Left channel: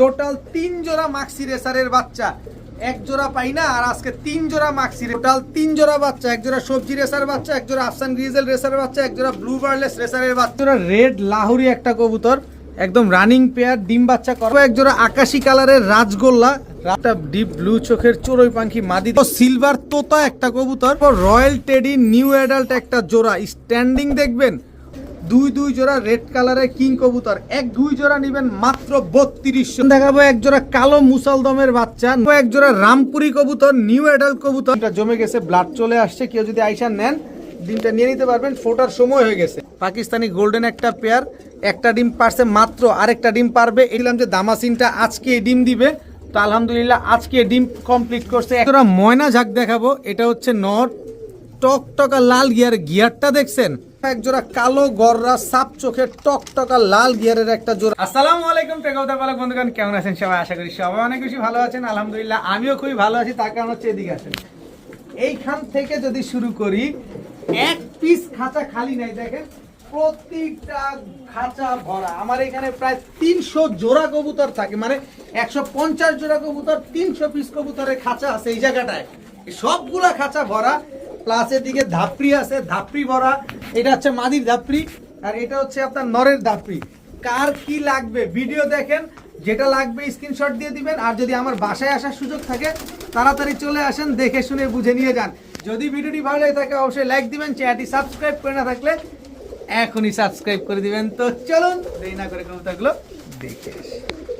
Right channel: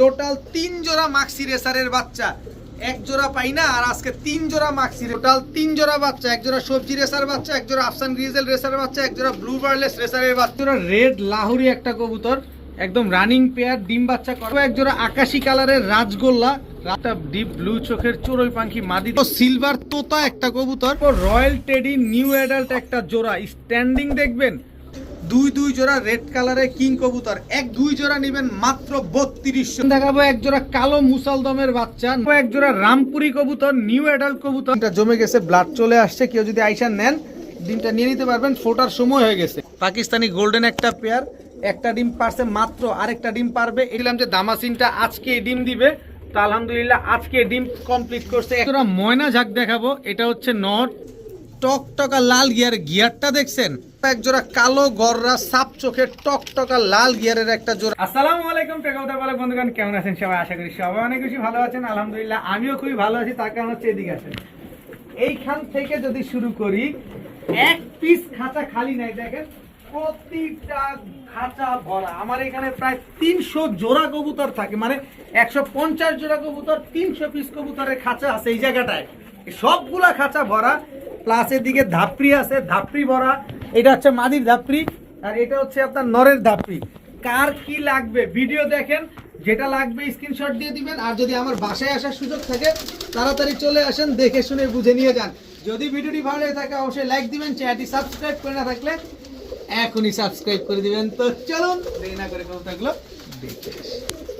Total 3 জোড়া মাক্সি রেসারের বাচ্চা, এক জোড়া পাই না, আর আজকে 3 জোড়া মাক্সি, টোটাল 3 জোড়া বাচ্চা, এক জোড়া সবজি রেসার বাচ্চা, এক জোড়া আফসান গ্রিজেল রেসারের বাচ্চা, এক জোড়া ব্লু বার্লেস রেসারের বাচ্চা, রেড লাহোরি একটা কবুতর একদম রানিং পেয়ার, ডিম বাচ্চা করবে, এক জোড়া আকাশি কালারের রাজগোল্লা, একটা ডিপ ব্লু চোখের চড়ুই পাখি মাদি, সিলভার তোতা একটা কবুতর, রয়্যাল টেডি নিউ অ্যাডাল্ট একটা জোড়া স্ট্যান্ডিং দেখবেন, দুই জোড়া রেড কালারের কিং কবুতর, দুই জোড়া নিবেন মাত্র 3200। দেখাবো এক জোড়া কালো মুসালদমের বাচ্চা, এক জোড়া রামপুরি কবুতর নিউ অ্যাডাল্ট কবুতর, জমে গেছে, ব্লাড চলে আসছে, কেউ যদি আইসা নেন ডিমটা নিয়ে নিতে পারবেন, ফোটার সময় হয়ে গেছে। পাকিস্তানি গোল্ডেন একটা পেয়ার, একটা ডিম পারছে মাত্র, আরেকটা ডিম পারবে। এলাম যে দামাসিনটা আজকে ডিম দিবে, তো আলহামদুলিল্লাহ আজকে ডিম কমপ্লিট করছে। একটা ময়না ঝাঁক দেখাবো, এটা হচ্ছে নট টকটকা লাল গিয়ারটা দেখছেন, এক জোড়া কালো গররা সাপ চোখের টকটকা লাল গিয়ারের একটা জোড়া। আসসালামু আলাইকুম টেকওদার পালক বন্ধুগণ, কেমন আছেন সবাই? আশা করি সবাই অনেক বেশি ভালো আছেন। আলহামদুলিল্লাহ আমিও খুবই ভালো আছি, তার কারণ হচ্ছে এদিকে আছেন। এইখান থেকে যদি শুরু করি, এক পিস খাঁচা খালি নাই, দেখেন প্রতিটা খাঁচা ভরা। আমার এখানে প্রায় 300 জোড়া কবুতর থাকে, মানে 150 জোড়া কবুতর, 300 পিস কবুতরের খাঁচা আছে এই জায়গাটায়, সবগুলা খাঁচা ভরা। প্লাসের দিকে ধাপড়ি আছে, ধাপড়ি ভরা। এটা হচ্ছে মাদির ধাপড়ি, আর এটা হচ্ছে আপনার নরের ধাপড়ি। কার কি লাগবে ভিডিও দেখেন, যেটা লাগবে স্ক্রিনশট দিয়ে দিবেন। আর যদি আমার বাসায় আসার সুযোগ থাকে তাড়াতাড়ি চলে আসেন, দেখে শুনে বুঝে নিয়ে যান। যদি ভিডিওটি ভালো লাগে থাকে অবশ্যই লাইক দিবেন, চ্যানেলটি সাবস্ক্রাইব করে না থাকলে এখনই সাবস্ক্রাইব করে দিবেন। তো চলুন দেরি না করে কবুতরগুলো দেখে আসি।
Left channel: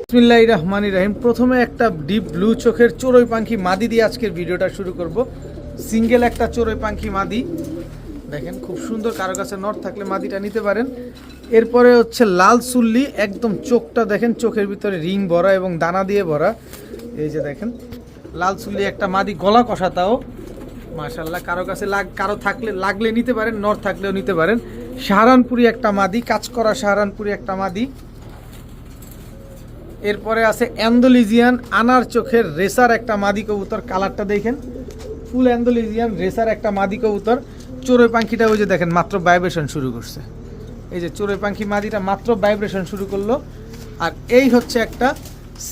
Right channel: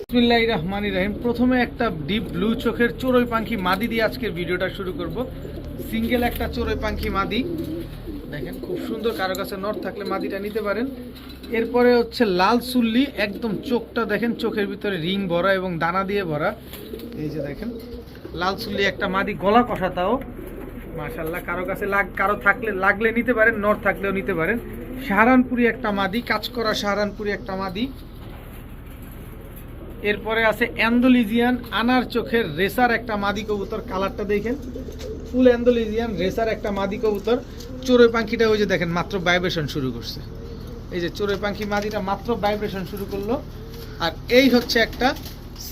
বিসমিল্লাহির রহমানির রহিম। প্রথমে একটা ডিপ ব্লু চোখের চড়ুই পাখি মাদি দিয়ে আজকের ভিডিওটা শুরু করব। সিঙ্গেল একটা চড়ুই পাখি মাদি, দেখেন খুব সুন্দর, কারো কাছে নট থাকলে মাদিটা নিতে পারেন। এরপরে হচ্ছে লাল সুল্লি, একদম চোখটা দেখেন, চোখের ভিতরে রিং ভরা এবং দানা দিয়ে ভরা। এই যে দেখেন লাল সুল্লি একটা মাদি, গলা কষাতাও মাশাআল্লাহ, কারো কাছে কারো থাকলে লাগলে নিতে পারেন, নট থাকলেও নিতে পারেন। সাহারানপুরি একটা মাদি, কাজ করা সাহারানপুরি একটা মাদি। এরপরে আছে অ্যান্ডোলিজিয়ান আনার চোখের রেসার একটা মাদি কবুতর, কালারটা দেখেন ফুল অ্যান্ডোলিজিয়ান রেসার একটা মাদি কবুতর। চড়ুই পাখিটা ওই যে দেখেন মাত্র ভাইব্রেশন শুরু করছে, এই যে চড়ুই পাখি মাদিটা মাত্র ভাইব্রেশন শুরু করলো। আর এই হচ্ছে একটা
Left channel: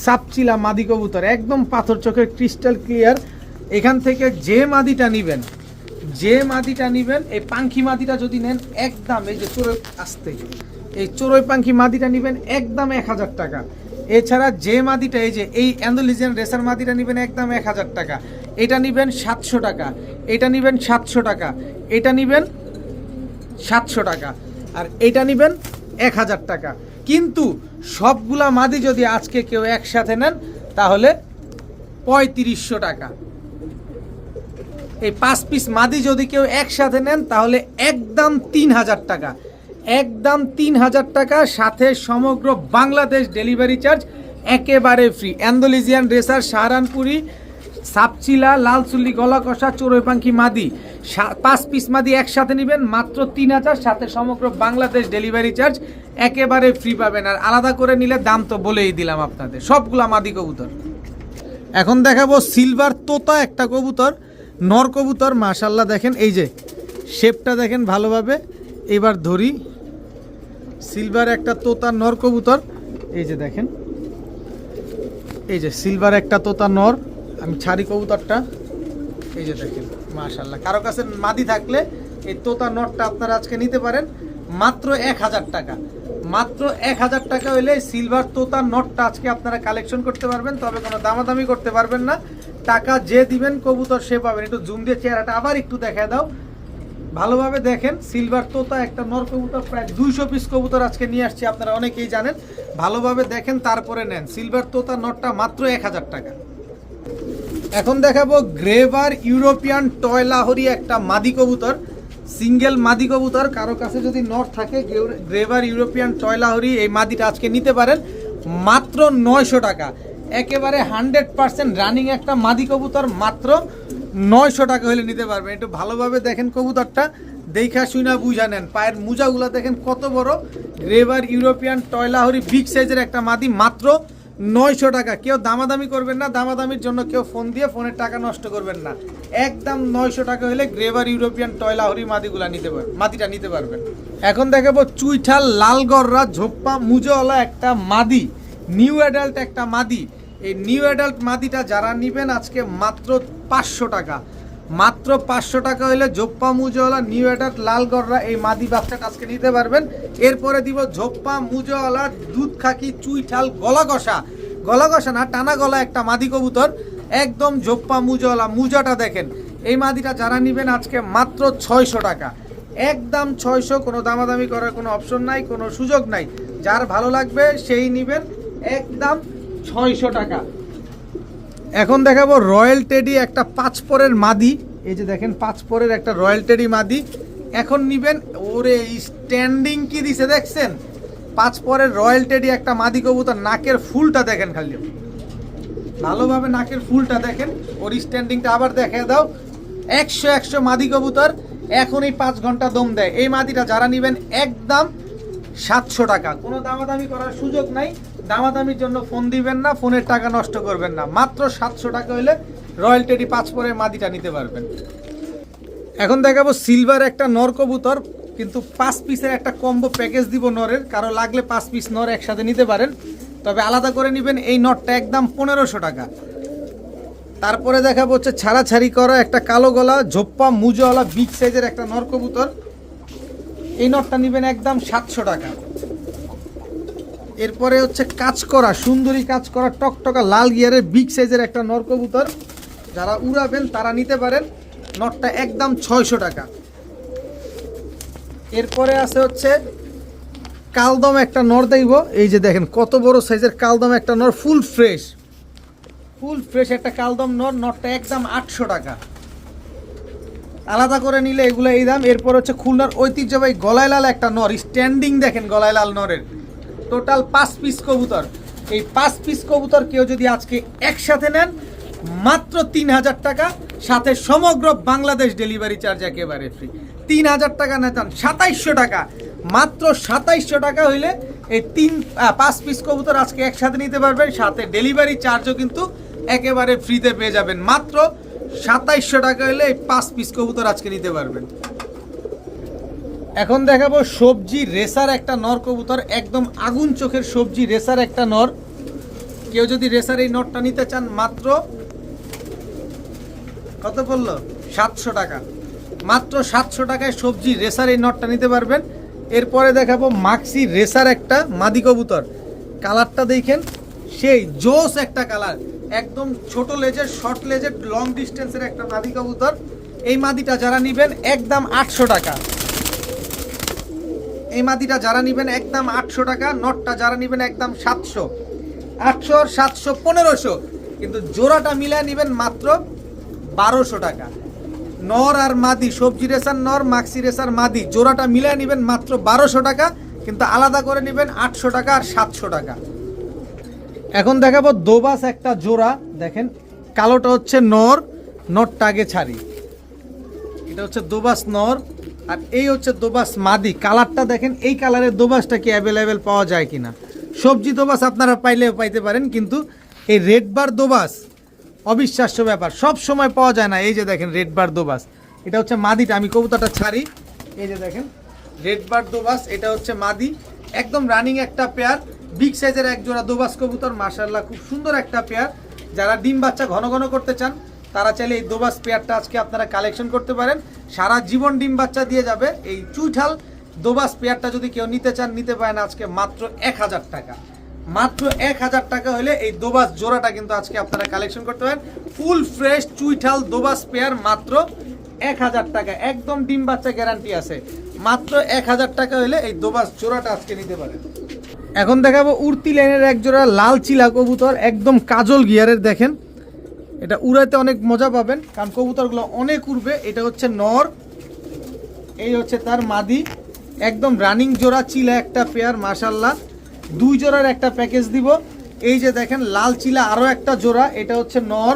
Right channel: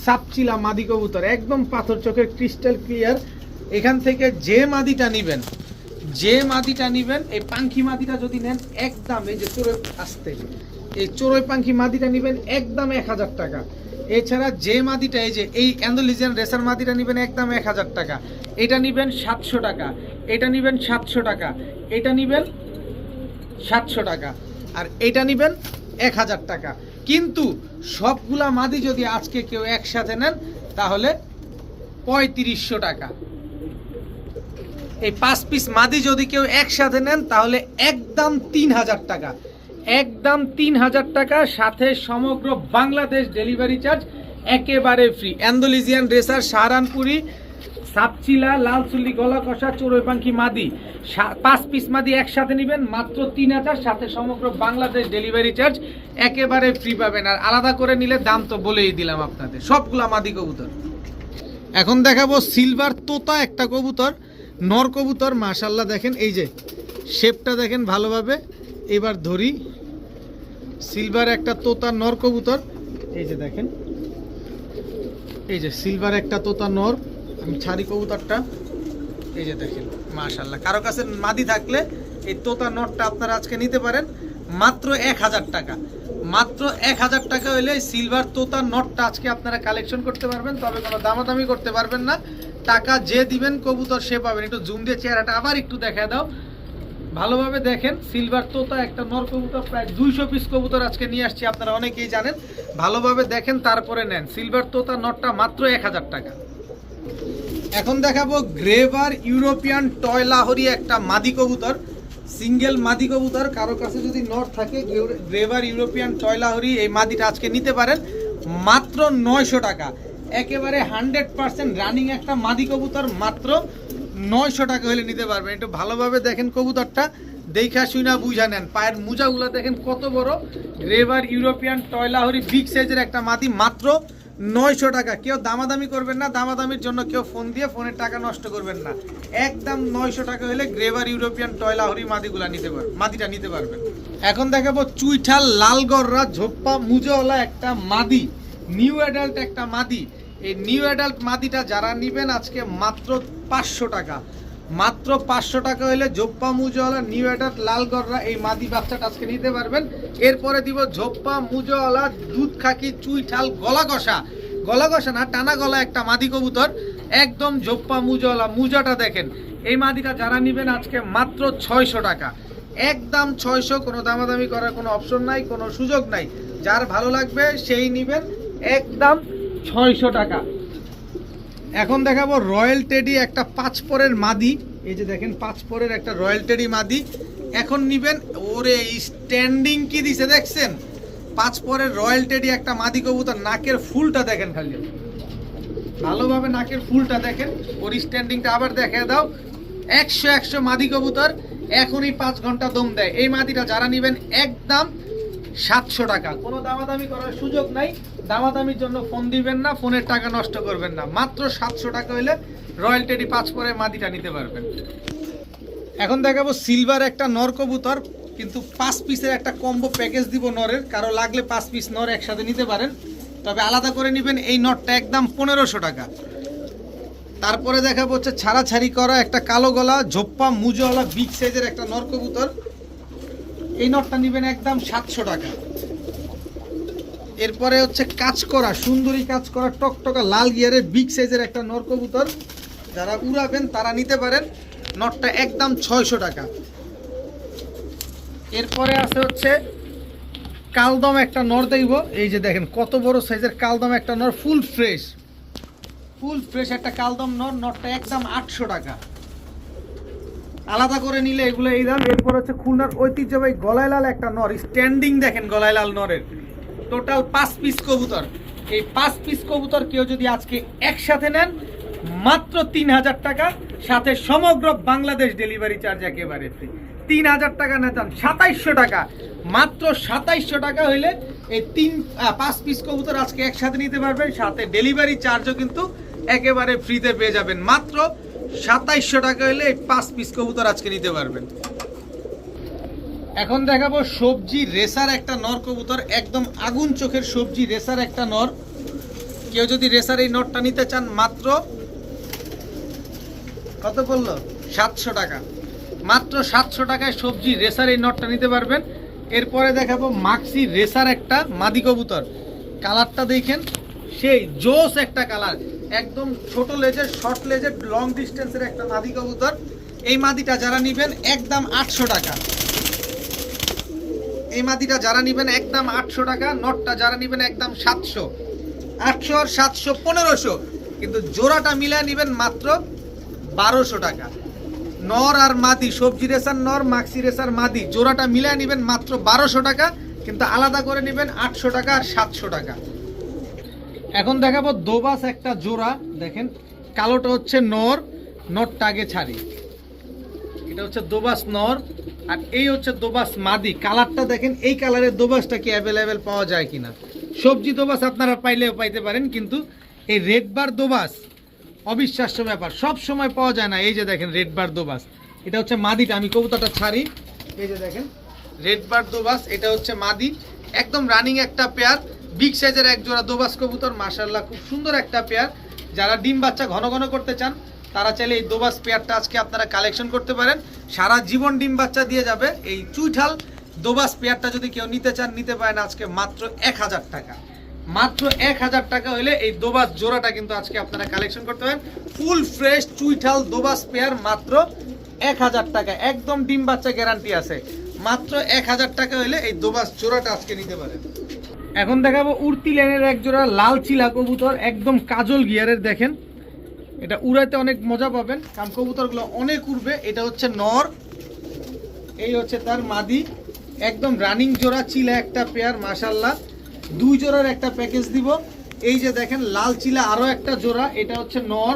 সাপচিলা মাদি কবুতর, একদম পাথর চোখের ক্রিস্টাল ক্লিয়ার। এখান থেকে যে মাদিটা নিবেন, এই পাখি মাদিটা যদি নেন একদম, এই যে চড়ুই আসতে, এই চড়ুই পাখি মাদিটা নিবেন একদম 1000 টাকা। এছাড়া যে মাদিটা, এই যে এই অ্যান্ডোলিজিয়ান রেসার মাদিটা নিবেন একদম 1000 টাকা, এটা নিবেন 700 টাকা, এটা নিবেন 700 টাকা, এটা নিবেন 700 টাকা, আর এটা নিবেন 1000 টাকা। কিন্তু সবগুলা মাদি যদি আজকে কেউ একসাথে নেন তাহলে 3500 টাকা। এই 5 পিস মাদি যদি কেউ একসাথে নেন তাহলে একদম 3000 টাকা, একদম 3000 টাকা, সাথে সমগ্র বাংলাদেশ ডেলিভারি চার্জ একেবারে ফ্রি। অ্যান্ডোলিজিয়ান রেসার সাহারানপুরি সাপচিলা লাল চুল্লি গলা কষা চড়ুই পাখি মাদি 5 পিস মাদি একসাথে নেবেন মাত্র 3000, সাথে সমগ্র বাংলাদেশ ডেলিভারি চার্জ একেবারে ফ্রি পাবেন। আর আলাদা করে নিলে দাম তো বলেই দিলাম আপনাদের, সবগুলা মাদি কবুতর। এখন দেখাবো সিলভার তোতা একটা কবুতর, নর কবুতর মাশাআল্লাহ, দেখেন এই যে শেপটা দেখেন ভালোভাবে। এবার ধরি, সিলভার একটা তোতা নর কবুতর, এই যে দেখেন, এই যে সিলভার একটা তোতা নর। আমি ছাড়ি কবুতরটা, এই যে দেখেন মাশাআল্লাহ। কারো কাছে মাদি থাকলে এই তোতা নরটা আপনারা আজকে নিতে পারেন মাত্র 1000 টাকা। মাত্র 1000 টাকা হলে সিলভার তোতা নটটা আজকে আপনারা কালেকশন করতে পারবেন। তবে কোনো দামাদামি করতে পারবেন না, টাকা যে দিবেন কবুতর সে পাবেন। একটু জুম দিয়ে চেহারাটা আবার একটু দেখায় দাও, ভালোভাবে দেখেন। সিলভার তোতা একটা নর কবুতর, প্রায় 200 পিস কবুতর আজকে নিয়ে আসছি, আপনারা অনেকেই জানেন। ভালোভাবে দেখেন তারপরে নেন। সিলভার তোতা নটটা মাত্র 1000 টাকা। এখন দেখাবো গ্রেভার ইউরোপিয়ান টয় লাহোরি একটা মাদি কবুতর, সিঙ্গেল মাদি কবুতর। কারো কাছে যদি নট থাকে গ্রেভার ইউরোপিয়ান টয় লাহোরি, এই মাদিটা আজকে নিতে পারেন মাত্র 900 টাকা। একেবারে 100% রানিং একটা মাদি কবুতর, মাত্র 900 টাকা হলে নিতে পারবেন। একটু ভালোভাবে দেখেন কবুতরটা, দেখা শুনা বুঝা নেন। পায়ের মোজাগুলো দেখেন কত বড়। গ্রেভার ইউরোপিয়ান টয় লাহোরি বিগ সাইজের একটা মাদি, মাত্র 900 টাকা। কেউ দামাদামি করবেন না, দামাদামির জন্য কেউ ফোন দিয়ে ফোনের টাকা নষ্ট করবেন না। একদম 900 টাকা হলে গ্রেভার ইউরোপিয়ান টয় লাহোরি মাদিটা নিতে পারবেন। এখন দেখাবো চুইঠাল লাল গররা ঝোপ্পা মুজোওয়ালা একটা মাদি, নিউ অ্যাডাল্ট একটা মাদি। এই নিউ অ্যাডাল্ট মাদিটা যারা নেবেন আজকে মাত্র 500 টাকা, মাত্র 500 টাকা হলে ঝোপ্পা মুজওয়ালা নিউ অ্যাডাল্ট লাল গররা এই মাদি বাচ্চাটা আজকে নিতে পারবেন। এরপরে দিব ঝোপ্পা মুজওয়ালা দুধ খাকি চুইঠাল গলা কষা না, টানা গলা একটা মাদি কবুতর, একদম ঝোপ্পা মুজওয়ালা। মুজাটা দেখেন, এই মাদিটা যারা নেবেন আজকে মাত্র 600 টাকা, একদম 600, কোনো দামাদামি করার কোনো অপশন নাই, কোনো সুযোগ নাই। যার ভালো লাগবে সেই নেবেন, একদম 600 টাকা। এখন দেখাবো রয়্যাল টেডি একটা 5 পরের মাদি। এই যে দেখেন 5 পরের একটা রয়্যাল টেডি মাদি এখন নিবেন। ওরে স্ট্যান্ডিং কি দিছে দেখছেন, 5 পরের রয়্যাল টেডি একটা মাদি কবুতর। নাকের ফুলটা দেখেন, খালি ভালোভাবে নাকের ফুলটা দেখেন, ওর স্ট্যান্ডিংটা আবার দেখে দাও। 100 মাদি কবুতর এখনই 5 ঘন্টা দম দেয়। এই মাদিটা যারা নেবেন একদম 700 টাকা, কোনো দামাদামি করার সুযোগ নাই। দামাদামির জন্য ফোন দিবেন না, ফোনের টাকা নষ্ট করবেন না। মাত্র 700 টাকা হলে রয়্যাল টেডি 5 পরের মাদিটা নিতে পারবেন। এখন দেখাবো সিলভার একটা নর কবুতর, কিন্তু 5 পিসের একটা কম্বো প্যাকেজ দিব নরের। কারো লাগলে 5 পিস নর একসাথে নিতে পারেন, তবে আলাদা করে নেবেন। এই নটটা একদম 1500 টাকা। তারপরে দেখাবো হচ্ছে ছাড়াছাড়ি করা একটা কালো গলা ঝোপ্পা মুজওয়ালা বিগ সাইজের একটা নর কবুতর। এই নটটা নেবেন একদম 700 টাকা। এরপরে হচ্ছে কাজ করা সুন্দরী কাজ করা টকটকা লাল গিয়ারের বিগ সাইজের একটা নর কবুতর, যারা উড়াবেন তারা নিতে পারেন। নটটা একদম 600 টাকা। এরপরে আছে হচ্ছে কালদম একটা নর দেব। এই যে দেখেন কত বড় সাইজের কালদম একটা নর, ফুল ফ্রেশ একটা কালদম নর। নটটা একদম 800 টাকা। আলাদা করে নিলে এগুলো এই দাম। এরপর হচ্ছে খুলনার ঐতিহ্যবাহী গলায় লাল একটা নর, স্ট্যান্ডিং দেখেন গলায় লাল নরের। টোটাল 5 পিস কবুতর। এই 5 পিস কবুতর কেউ যদি আজকে একসাথে নেন মাত্র 3000 টাকা, সাথে সমগ্র বাংলাদেশ ডেলিভারি চার্জ একেবারে ফ্রি। 3000 টাকা নেতান 2700 টাকা, মাত্র 2700 টাকা হইলে এই 5 পিস কবুতর আজকে একসাথে নিতে পারবেন, সাথে ডেলিভারি চার্জও কিন্তু একেবারে ফ্রিতে পেয়ে যাবেন। মাত্র 2700 টাকা হলে এই 5 পিস কবুতর আজকে নিতে পারবেন। এখন দেখাবো সবজি রেসার একটা নর কবুতর, একদম আগুন চোখের সবজি রেসার একটা নর। কেউ যদি রেসার এই নরটা নিতে চান মাত্র কত বললো 700 টাকা, মাত্র 700 টাকায় সবজি রেসার এই নরটা নিতে পারবেন। এরপরে দেখাবো মাক্সি রেসার একটা মাদি কবুতর। কালারটা দেখেন সেই জোস একটা কালার, একদম ছোট লেজের শর্ট লেজের লং ডিস্টেন্সের একটা মাদি কবুতর। এই মাদিটা যারা নেবেন একদম 800 টাকা। এই মাদিটা যারা নেবেন একদম 800 টাকা। নটটা যারা নেবেন একদম 700, 800 আর 700 1500, কিন্তু জোড়াটা মিলা নেবেন মাত্র 1200 টাকা। নর আর মাদি, সবজি রেসার নর, মাক্সি রেসার মাদি, জোড়াটা মিলা নেবেন মাত্র 1200 টাকা, কিন্তু আলাদা করে নেবেন 800 টাকা আর 700 টাকা। এখন দেখাবো দোবাস একটা জোড়া। দেখেন কালোটা হচ্ছে নর, নরটা আগে ছাড়ি। এটা হচ্ছে দোবাস নর আর এই হচ্ছে দোবাস মাদি। কালারটা দেখেন, এই কালারের দোবাসটা কি অ্যাভেলেবেল পাওয়া যায় কিনা। সবজি দোবাস আপনারা পাইলেও পাইতে পারেন, কিন্তু এই রেড বার দোবাস অবিশ্বাস্য ব্যাপার, সব সময় পাওয়া যায় না। এই যে দেখেন রেড বার দোবাস, এটা হচ্ছে মাদিটা। আমি কবুতরটা ছাড়ি, এই যে দেখেন রেড বার দোবাস, এটা হচ্ছে মাদি। একদম রানিং একটা পেয়ার, বিগ সাইজের এক জোড়া দোবাস কবুতর, মাশাআল্লাহ খুব সুন্দর একটা পেয়ার। যারা ডিম বাচ্চা ঘন ঘন করতে চান তারা চাইলে এই দোবাস পেয়ারটা আজকে আপনারা কালেকশন করতে পারেন। সারা জীবন ডিম বাচ্চা দিয়ে যাবে এই চুইঠাল দোবাস পেয়ারটা। যদি কেউ নিতে চান নিতে পারেন আজকে মাত্র 1000 টাকা। মাত্র 1000 টাকা হলে এই দোবাস জোড়াটা কিন্তু আজকে আপনারা কালেকশন করতে পারেন। ফুল ফ্রেশ চুইঠাল দোবাস পেয়ার মাত্র 1000 টাকা, একদম ডিম বাচ্চা গ্যারান্টি আছে। মাত্র 1000 টাকা হলে এই দোবাস জোড়াটা আজকে নিতে পারেন। এখন দেখাবো উড়তি লাইনের এক জোড়া লাল চিলা কবুতর, একদম কাজল গিয়ারের। দেখেন এটা উড়াইতে অনেক মজা পাবেন, কারণ কবুতরগুলো অনেক উড়বে। এটা হচ্ছে নর, এই হচ্ছে তার মাদি। একদম রানিং জোড়া চিলা একটা পেয়ার, মাশাআল্লাহ 2 জোড়ার একটা প্যাকেজ দিব। এই যে দেখেন লাল চিলা আরো একটা জোড়া, এটা হচ্ছে নর।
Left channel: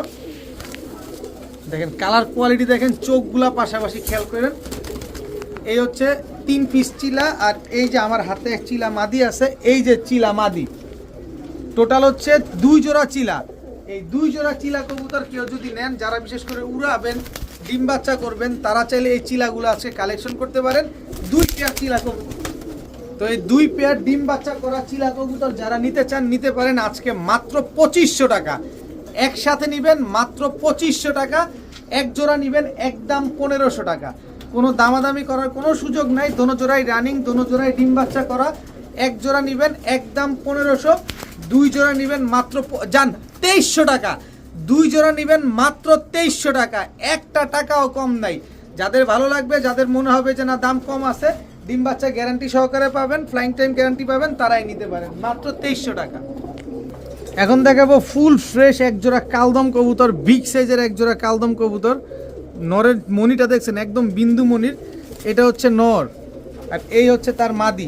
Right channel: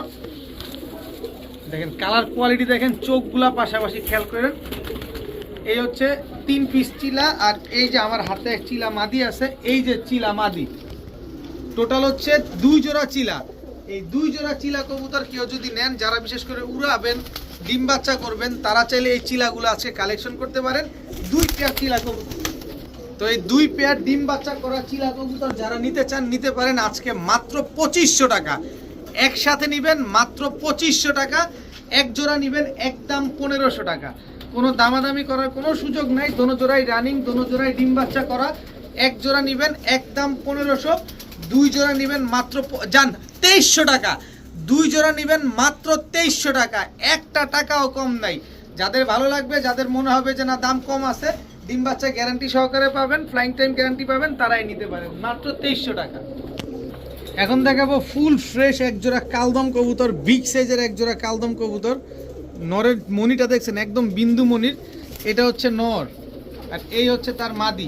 দেখেন কালার কোয়ালিটি দেখেন, চোখগুলা পাশাপাশি খেয়াল করেন। এই হচ্ছে 3 পিস চিলা, আর এই যে আমার হাতে চিলা মাদি আছে, এই যে চিলা মাদি। টোটাল হচ্ছে 2 জোড়া চিলা। এই 2 জোড়া চিলা কবুতর কেউ যদি নেন, যারা বিশেষ করে উড়াবেন ডিম বাচ্চা করবেন, তারা চাইলে এই চিলাগুলো আছে কালেকশন করতে পারেন। 2 পেয়ার চিলা কবুতর, তো এই 2 পেয়ার ডিম বাচ্চা করা চিলা কবুতর যারা নিতে চান নিতে পারেন আজকে মাত্র 2500 টাকা। একসাথে নেবেন মাত্র 2500 টাকা, এক জোড়া নেবেন একদম 1500 টাকা। কোনো দামাদামি করার কোনো সুযোগ নাই, দোনো জোড়াই রানিং, দোনো জোড়াই ডিম বাচ্চা করা। এক জোড়া নেবেন একদম 1500, 2 জোড়া নেবেন মাত্র 2300 টাকা। 2 জোড়া নেবেন মাত্র 2300 টাকা, একটা টাকাও কম নাই। যাদের ভালো লাগবে, যাদের মনে হবে যে না দাম কম আছে, ডিম বাচ্চা গ্যারান্টি সহকারে পাবেন, ফ্লাইং টাইম গ্যারান্টি পাবেন, তারাই নিতে পারেন মাত্র 2300 টাকা। এখন দেখাবো ফুল ফ্রেশ এক জোড়া কালদম কবুতর, বিগ সাইজের এক জোড়া কালদম কবুতর। নরের মনিটা দেখছেন একদম বিন্দু মনির, এটা হচ্ছে নর আর এই হচ্ছে তার মাদি।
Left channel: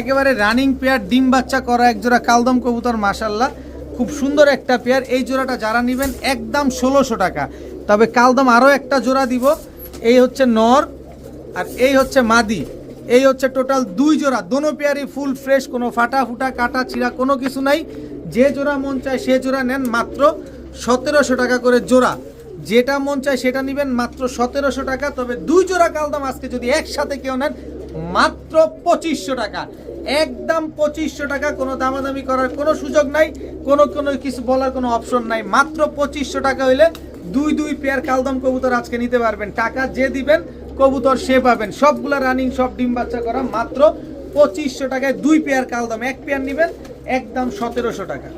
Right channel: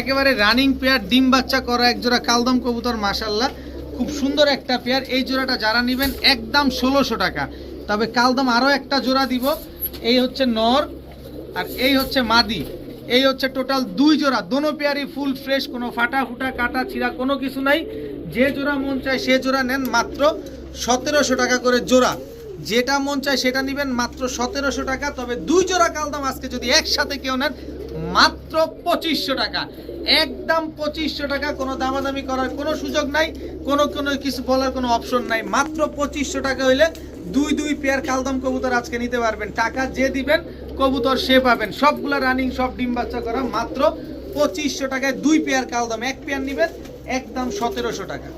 একেবারে রানিং পেয়ার, ডিম বাচ্চা করা এক জোড়া কালদম কবুতর, মাশাল্লাহ খুব সুন্দর একটা পেয়ার। এই জোড়াটা যারা নেবেন একদম 1600 টাকা। তবে কালদম আরও একটা জোড়া দিব, এই হচ্ছে নর আর এই হচ্ছে মাদি। এই হচ্ছে টোটাল 2 জোড়া, দোনো পেয়ারই ফুল ফ্রেশ, কোনো ফাটা ফুটা কাটা ছিঁড়া কোনো কিছু নাই। যে জোড়া মন চায় সে জোড়া নেন, মাত্র 1700 টাকা করে জোড়া। যেটা মন চায় সেটা নেবেন মাত্র 1700 টাকা। তবে 2 জোড়া কালদম আজকে যদি একসাথে কেউ নেন মাত্র 2500 টাকা, একদম 2500 টাকা। কোনো দামাদামি করার কোনো সুযোগ নাই, কোনো কিছু বলার কোনো অপশন নাই। মাত্র 2500 টাকা হইলে 2 পেয়ার কালদম কবুতর আজকে নিতে পারবেন। টাকা যে দিবেন কবুতর সে পাবেন। সবগুলা রানিং, সব ডিম বাচ্চা করা, মাত্র 2500 টাকায় 2 পেয়ার কালদম। এক পেয়ার নেবেন একদম 1700 টাকা।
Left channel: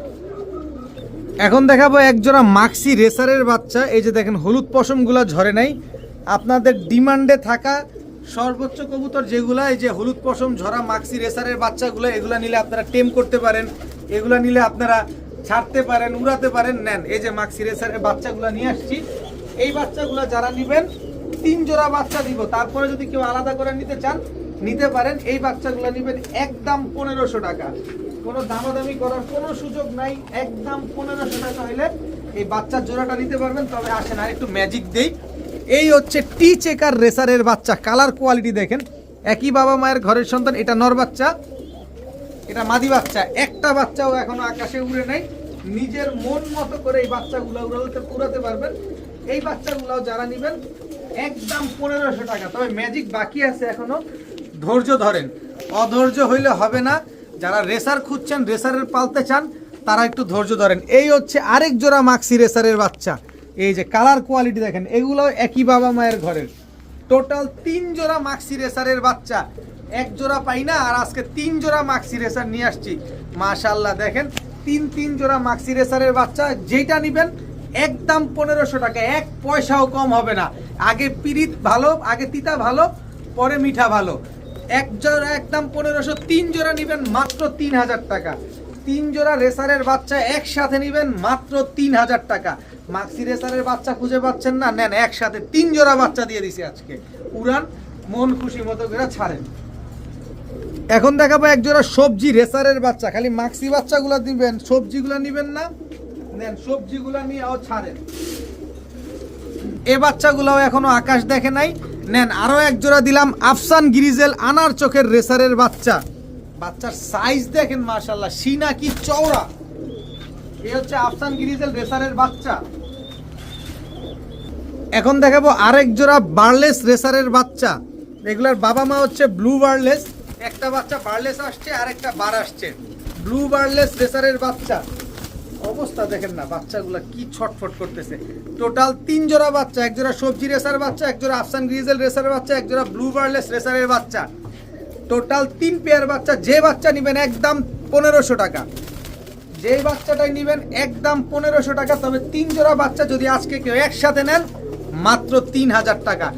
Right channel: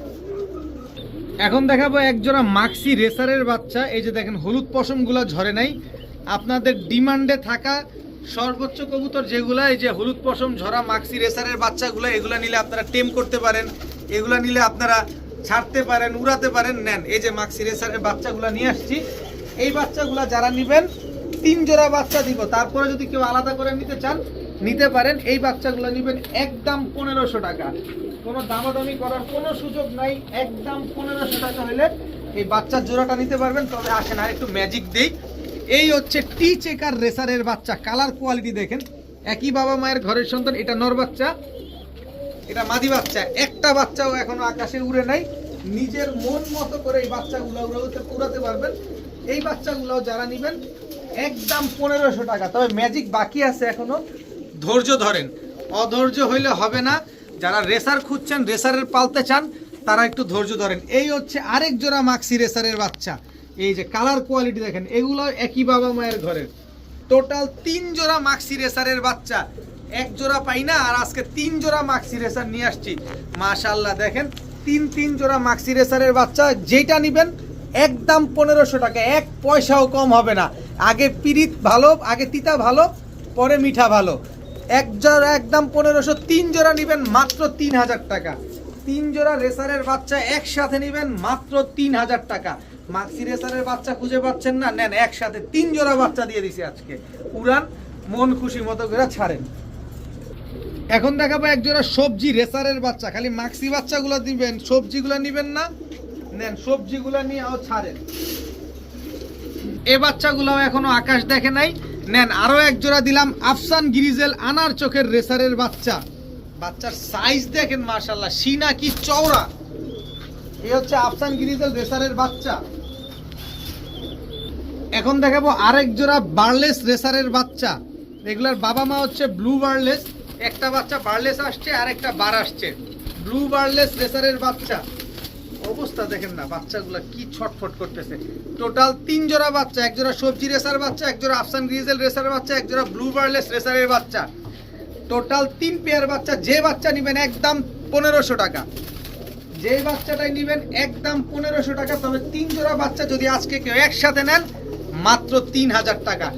এখন দেখাবো এক জোড়া মাক্সি রেসারের বাচ্চা। এই যে দেখেন হলুদ পশমগুলা ঝরে নাই। আপনাদের ডিমান্ডে থাকা সর্বোচ্চ কবুতর যেগুলা, এই যে হলুদ পশম ঝরা মাক্সি রেসারের বাচ্চাগুলো, এগুলা নিলে আপনারা টেম করতে পারেন, এগুলা নিলে আপনারা ছাড়তে পারেন, উড়াতে পারেন, নেন। এই যে মাক্সি রেসারের বাচ্চাগুলো নিয়ে আসছি। এই বাচ্চাগুলো যারা নেবেন 3 জোড়া বাচ্চা দিব, তারপরে যদি কেউ আলাদা করে নিতে চান নিতে পারেন। এই বাচ্চাগুলো নেবেন একদম 1500 টাকা, কোনো দামাদামি করার কোনো সুযোগ নাই। একদম 1500 টাকা হলে এই বাচ্চার জোড়াটা নিতে পারবেন। তবে আসেন আর একটু ম্যাজিক দেই। এই হচ্ছে টি চেকার রেসারের বাচ্চা, কালার কোয়ালিটি দেখেন, একই বাবা মায়ের ঘরের সন্তান। এটা নর বাচ্চা, এটা মাদি বাচ্চা। একটা বাচ্চাও এখনো আকাশে উড়ে নাই। নিজের মন মতো করে এই বাচ্চাগুলো উড়াতে পারবেন। এই বাচ্চাগুলো যারা নেবেন একদম 1500 টাকা। তবে ম্যাজিক বাকি আছে এখনো, ধৈর্য ধরেন, অধৈর্য হইলে হবে না। যারা রেসার খুঁজছেন, রেসারের পালতে চান, তারা একটু ধৈর্য ধরেন। এই হচ্ছে আরেক জোড়া মাক্সি রেসারের বাচ্চা। এই যে কালার কোয়ালিটি দেখেন, এগুলো একই বাবা মায়ের ঘরের। টোটাল 3 জোড়া মাক্সি রেসারের বাচ্চা, এক জোড়া পাই না, আর আজকে 3 জোড়া মাক্সি রেসার নিয়ে আসছি। মাশাআল্লাহ দেখেন, 3 জোড়া মাক্সি রেসারের বাচ্চা। যেটা নেবেন একদম 1500 টাকা, এক পয়সাও কম হবে না। আগে পিরিত ভালো, আগে তিতা ভালো, পরে মিঠা ভালো। এক জোড়া একদম 1500, 3 জোড়া নেবেন মাত্র 3000 টাকা। 3 জোড়া রেসারের বাচ্চা একসাথে নেবেন মাত্র 3000 টাকা। মাক্সি রেসারের বাচ্চা খুঁজে পাচ্ছেন না, নেন একসাথে 3 জোড়া বাচ্চা দিয়ে দিছি আজকে। উড়ান, মন খুশি মতো করে ছাড়েন। এখন দেখাবো এক জোড়া সবজি রেসারের বাচ্চা। খালি মাক্সি বাচ্চাগুলো দিবেন, সবজিগুলো নেবেন না, নেন সবজিগুলো নিয়ে ছাড়েন। এই বাচ্চাগুলো এখনো আকাশ দেখে নাই, নেন। আরো এক জোড়া দিলাম আফসান গ্রিজেল আনার চোখের রেসারের বাচ্চা। বাচ্চার সাইজ দেখেন মাশাআল্লাহ, সিনা কি চওড়া। এই হচ্ছে আফসান গ্রিজেল রেসারের বাচ্চা। এখন দেখাবো আরেক জোড়া বার্লেস রেসারের বাচ্চা। এগুলার বাবা মা হচ্ছে ব্লু বার্লেস। একটা বাচ্চা বার্লেস আসছে আর একটা বার আসছে। ব্লু বার্লেস রেসারের বাচ্চা, অবস্থা দেখেন না, বাচ্চাগুলো কি ছটফট করতেছে। টোটাল 3 জোড়া বাচ্চা, এক জোড়া সবজি রেসার বাচ্চা, এক জোড়া আফসান গ্রিজেল রেসার বাচ্চা, এক জোড়া ব্লু বার্লেস রেসারের বাচ্চা। টোটাল 3 পেয়ার বাচ্চা। যে বাচ্চা নেবেন একদম 1500 টাকা, যে বাচ্চাটাই নেবেন একদম 1500 টাকা। তবে 3 জোড়া বাচ্চা যদি আজকে কেউ একসাথে নেন মাত্র 3000 টাকা।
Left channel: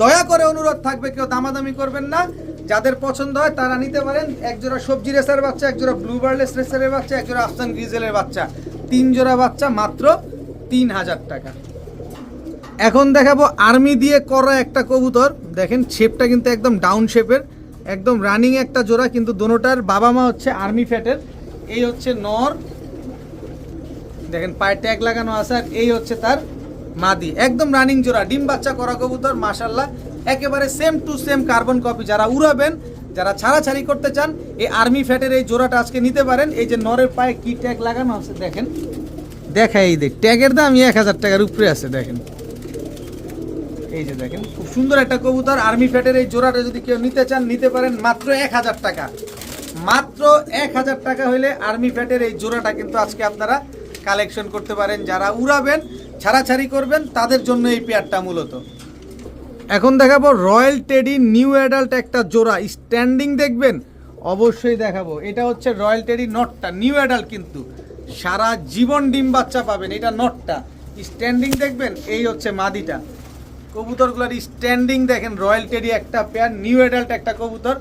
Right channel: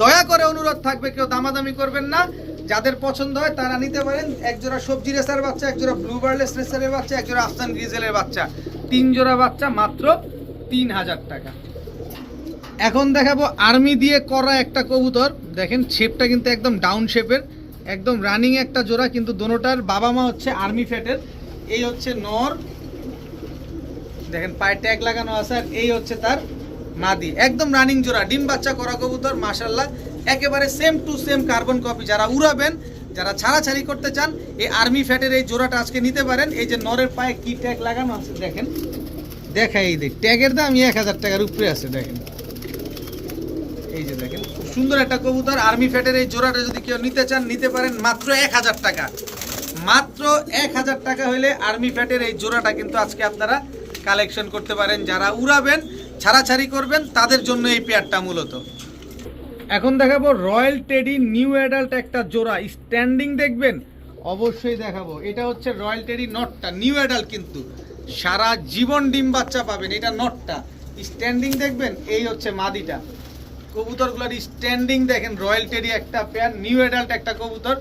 দয়া করে অনুরোধ থাকবে, কেউ দামাদামি করবেন না। যাদের পছন্দ হয় তারা নিতে পারেন। এক জোড়া সবজি রেসার বাচ্চা, এক জোড়া ব্লু বার্লেস রেসারের বাচ্চা, এক জোড়া আফসান গ্রিজেলের বাচ্চা। 3 জোড়া বাচ্চা মাত্র 3000 টাকা। এখন দেখাবো আর্মি দিয়ে করা একটা কবুতর। দেখেন শেপটা কিন্তু একদম ডাউন শেপের, একদম রানিং একটা জোড়া, কিন্তু দোনোটার বাবা মা হচ্ছে আর্মি ফ্যাটের। এই হচ্ছে নর, দেখেন পায়ে ট্যাগ লাগানো আছে, আর এই হচ্ছে তার মাদি। একদম রানিং জোড়া, ডিম বাচ্চা করা কবুতর, মাশাআল্লাহ একেবারে same to same carbon copy. যারা উড়াবেন, যারা ছাড়াছাড়ি করতে চান, এই আর্মি ফ্যাটের এই জোড়াটা আজকে নিতে পারেন। এই যে নরের পায়ে কি ট্যাগ লাগানো আছে দেখেন, দেখাই দেখ, ট্যাগের দাম 1000 টাকার উপরে আছে দেখেন। এই যে দেখেন, খুব সুন্দর একটা কবুতর, আর্মি ফ্যাটের এই জোড়াটা যদি কেউ নিতে চান নিতে পারেন মাত্র 1000 টাকা। মাত্র 1000 টাকা হলে আর্মি ফ্যাটের এই জোড়াটা কিন্তু আজকে আপনারা কালেকশন করতে পারেন। যারা উড়াবেন, ছাড়াছাড়ি করবেন, তাদের জন্য এই পেয়ারটা মূলত। এখন দেখাবো রয়্যাল টেডি নিউ অ্যাডাল্ট একটা জোড়া, স্ট্যান্ডিং দেখবেন অবশ্যই দেখাবো। এটা হচ্ছে রয়্যাল টেডি নটটা, নিউ অ্যাডাল্ট কিন্তু সারা জীবন ডিম বাচ্চা পাবেন। এটা নটটা, স্ট্যান্ডিং দেখবেন। এই হচ্ছে মাদিটা। কবুতরগুলোর স্ট্যান্ডিং দেখেন, রয়্যাল টেডি একটা পেয়ার, নিউ অ্যাডাল্ট একটা কবুতর,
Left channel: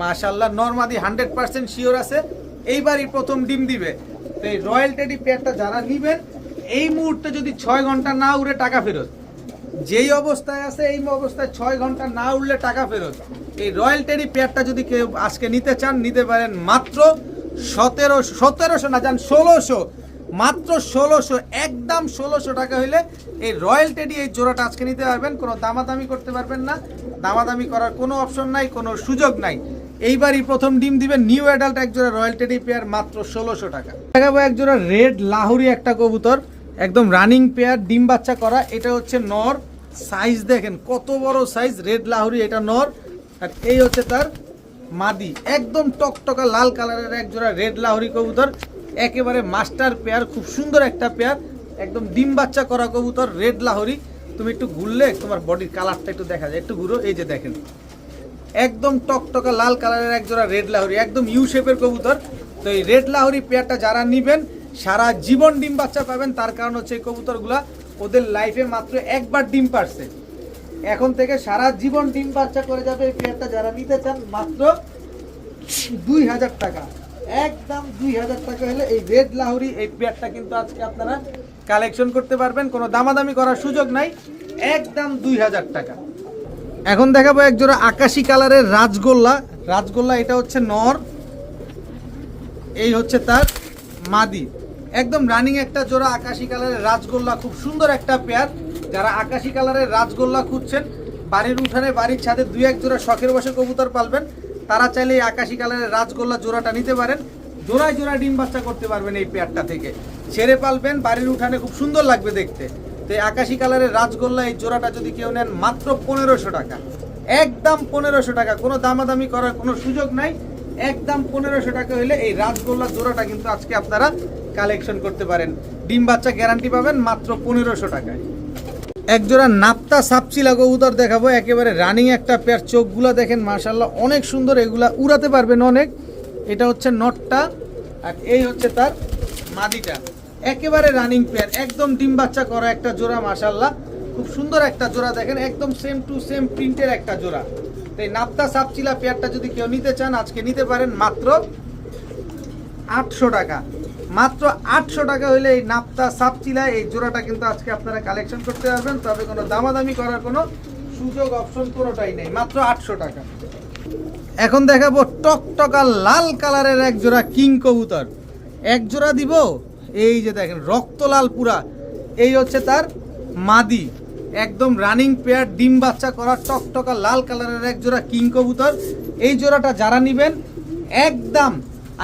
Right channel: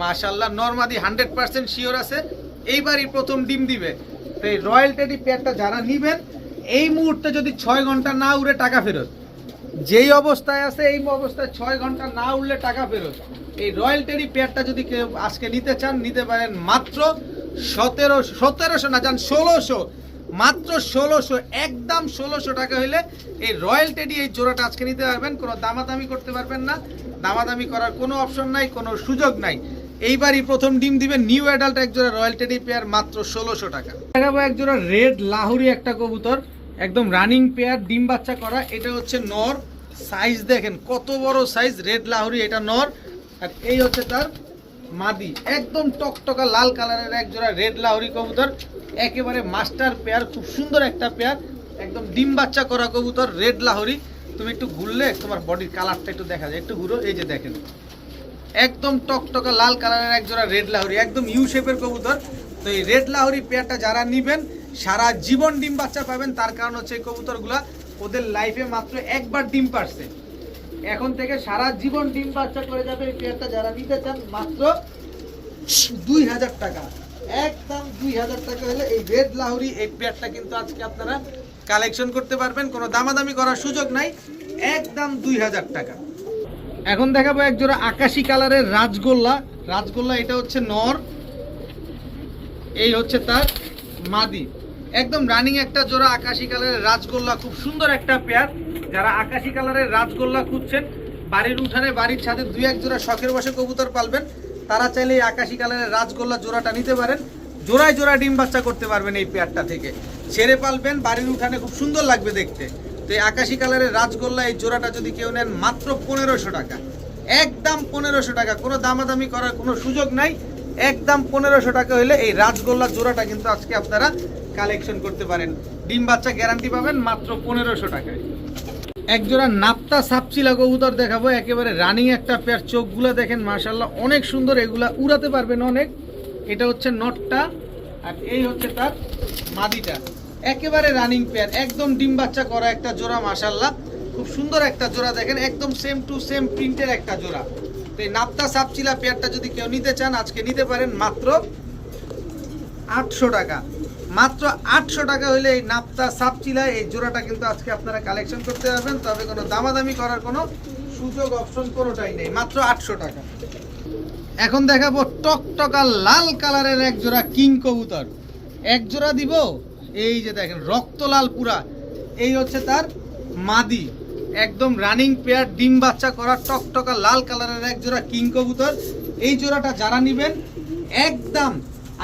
মাশাআল্লাহ। নরমাদি 100% শিওর আছে, এইবারই প্রথম ডিম দিবে। তো এই রয়্যাল টেডি পেয়ারটা যারা নিবেন, এই মুহূর্তে যদি 6 ঘন্টা না উড়ে টাকা ফেরত। যেই অবস্থায় আছে এই অবস্থায় 6 ঘন্টা না উড়লে টাকা ফেরত। এই রয়্যাল টেডি পেয়ারটা যদি কেউ আজকে নিতে চান, নিতে পারেন মাত্র 1700 না যান 1600, মাত্র 1600, একদম 1600 টাকা হইলে এই রয়্যাল টেডি এই জোড়াটা আজকে নিতে পারবেন। কোনো দামাদামি করতে পারবেন না, দামাদামি করার কোনো অপশন নাই, কোনো সুযোগ নাই। এইবারই প্রথম ডিম দিবেন নিউ অ্যাডাল্ট এক জোড়া রয়্যাল টেডি পেয়ার, মাত্র 1600 টাকা। দেখাবো এক জোড়া রেড লাহোরি একটা কবুতর, একদম রানিং পেয়ার, ডিম বাচ্চা করা। এটা হচ্ছে নর, সাইজ দেখেন কত বড় সাইজ, রেড লাহোরি এটা নর। আর এই হচ্ছে তার মাদি, একদম টকটকা লাল কালারের এক জোড়া রেড লাহোরি কবুতর, একেবারে মাস্টার পেয়ার, খুব সুন্দর একটা পেয়ার, একদম ডিম বাচ্চা করা কবুতর রেড লাহোরি। তুমি একটু ঘুরলে তোমার বডির কালারটা একটু দেখা যায়, একটু ঘুরো, এই যে দেখেন একদম টকটকা লাল কালারের এক জোড়া রেড লাহোরি, একদম ইউ শেপের কবুতর। তো এই রেড লাহোরি পেয়ারটা যারা নিবেন সারা জীবন ডিম বাচ্চা পাবেন। তার কারণ হচ্ছে এই কবুতরগুলা ওদের লাইফে মাত্র একবার ডিম পারছে, এখন থেকে সারা জীবন ডিম বাচ্চা করে যাবে। এই পেয়ারটা যারা নিতে চান মাত্র 2000 টাকা, একদম 2000 টাকা হলে এই রেড লাহোরি এই পেয়ারটা কিন্তু আজকে আপনারা কালেকশন করতে পারবেন। কোনো দামাদামি করার সুযোগ নাই, একদম 2000 টাকা। এখন দেখাবো এক জোড়া আকাশি কালারের রাজগোল্লা, রাজগোল্লা এটা হচ্ছে নর, এই হচ্ছে তার মাদি, একদম রানিং একটা জোড়া আকাশি কালারের রাজগোল্লা, খুব সুন্দর একটা পেয়ার। যারা আকাশি কালারের রাজগোল্লা খুঁজছেন, বাড়ির উঠানে বাড়ির ছাদে 2-1 জোড়া শখের বসে কবুতর পালবেন, তারা চাইলে এই আকাশি কালারের রাজগোল্লা জোড়াটা নিতে পারেন। জোড়ায় জোড়ায় ডিম বাচ্চা করতে পারবেন এই পেয়ারটা থেকে, ছেড়ে পালবেন, বাড়ির উঠানে খুব সুন্দর লাগবে দেখতে। তো এই আকাশি কালারের রাজগোল্লা এই জোড়াটা যদি কেউ নেন মাত্র 1500 টাকা, একদম 1500 টাকা, কোনো দামাদামি করার কোনো সুযোগ নাই, একদম 1500 টাকা হলে এই রাজগোল্লা জোড়াটা কিন্তু আজকে আপনারা কালেকশন করতে পারেন। ডিম বাচ্চা গ্যারান্টি পাবেন মাত্র 1500 টাকায়। এক জোড়া নাপ্তা সাপচিলা কবুতর দেখাবো, একেবারে রানিং একটা পেয়ার, চোখগুলা দেখেন মাশাআল্লাহ অনেক সুন্দর, এগুলা উড়াতে পারবেন অনেক। এটা হচ্ছে নটটা আর এই হচ্ছে তার মাদিটা, একেবারে রানিং পেয়ার, একদম ডিম বাচ্চা করা একটা জোড়া, মাশাআল্লাহ খুব সুন্দর একটা জোড়া দেখেন, একদম সেম টু সেম প্রিন্টের একটা জোড়া। তো এই নাপ্তা সাপচিলা পেয়ারটা যদি কেউ নিতে চান আজকে নিতে পারেন মাত্র 800 টাকা, মাত্র 800 টাকা হলে এই নাপ্তা সাপচিলা এই জোড়াটা কিন্তু আজকে আপনারা কালেকশন করতে পারবেন। তবে কোনো দামাদামি করার কোনো সুযোগ অপশন কোনোটাই নেই, মাত্র 800 টাকা। এখন দেখাবো টকটকা লাল কালারের এক জোড়া কিং কবুতর, এক জোড়া দিব, এই যে দেখেন রক্ত লাল পুরা, এই হচ্ছে তার মাদি, একদম রানিং পেয়ার, ডিম বাচ্চা করা টকটকা লাল কালারের এক জোড়া কিং কবুতর। এই জোড়াটা যারা নিবেন একদম,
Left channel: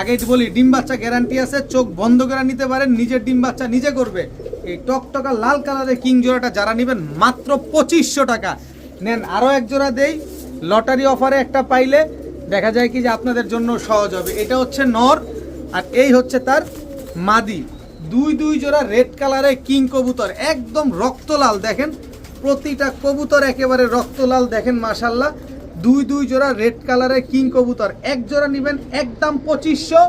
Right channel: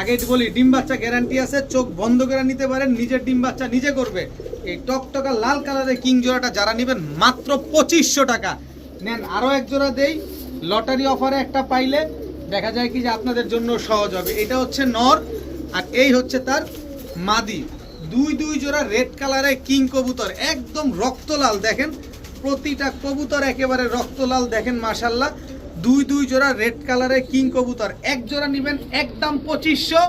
আগে বলি ডিম বাচ্চা গ্যারান্টি আছে, চোখ বন্ধ করে নিতে পারেন, নিজের ডিম বাচ্চা নিজে করবে। এই টকটকা লাল কালারের কিং জোড়াটা যারা নেবেন মাত্র 2500 টাকা নেন। আরও এক জোড়া দেই, লটারি অফারে একটা পাইলে দেখা যায় কি যে আপনাদের জন্য সহজ হবে। এটা হচ্ছে নর আর এই হচ্ছে তার মাদি, দুই জোড়া রেড কালারের কিং কবুতর, একদম রক্তলাল দেখেন, প্রতিটা কবুতর একেবারে রক্তলাল দেখেন মাশাআল্লাহ। দুই জোড়া রেড কালারের কিং কবুতর, এক জোড়া নেবেন একদম 2500,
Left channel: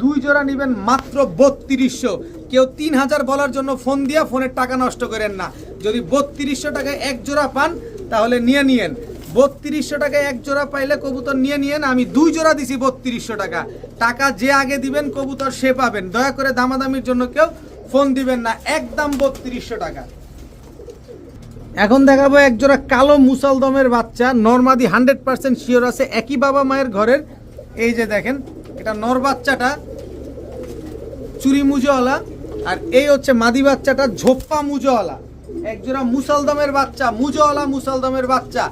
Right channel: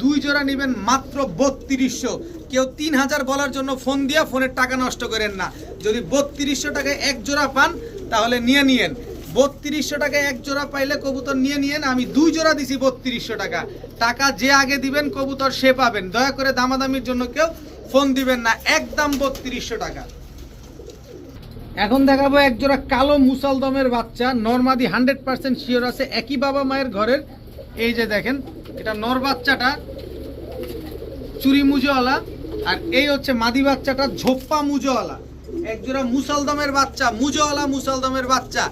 2 জোড়া নেবেন মাত্র 3200। কেউ 3000 বলার জন্য ফোন দিয়া ফোনের টাকা নষ্ট করেন না। যদি 3200 টাকায় এক জোড়া পান তাহলে নিয়ে নিয়েন, 3200 টাকায় এক জোড়া পাইলে কবুতর নিয়ে নিয়েন। আমি 2 জোড়া দিছি 3200 টাকা, টাকা যে আগে দিবেন কবুতর সে পাবেন। দয়া করে দামাদামির জন্য কেউ ফোন দিবেন না, একদম 3200 টাকা। এখন দেখাবো এক জোড়া কালো মুসালদমের বাচ্চা, নরমাদি 100% শিওর আছে, একই বাবা মায়ের ঘরের। এই যে দেখেন এটা নর বাচ্চাটা চুরি মুজোওয়ালা আর এই হচ্ছে মাদি বাচ্চাটা ঝোপ্পা মুজোওয়ালা, এক জোড়া মুসালদমের বাচ্চা, মুজোওয়ালা মুসালদমের বাচ্চা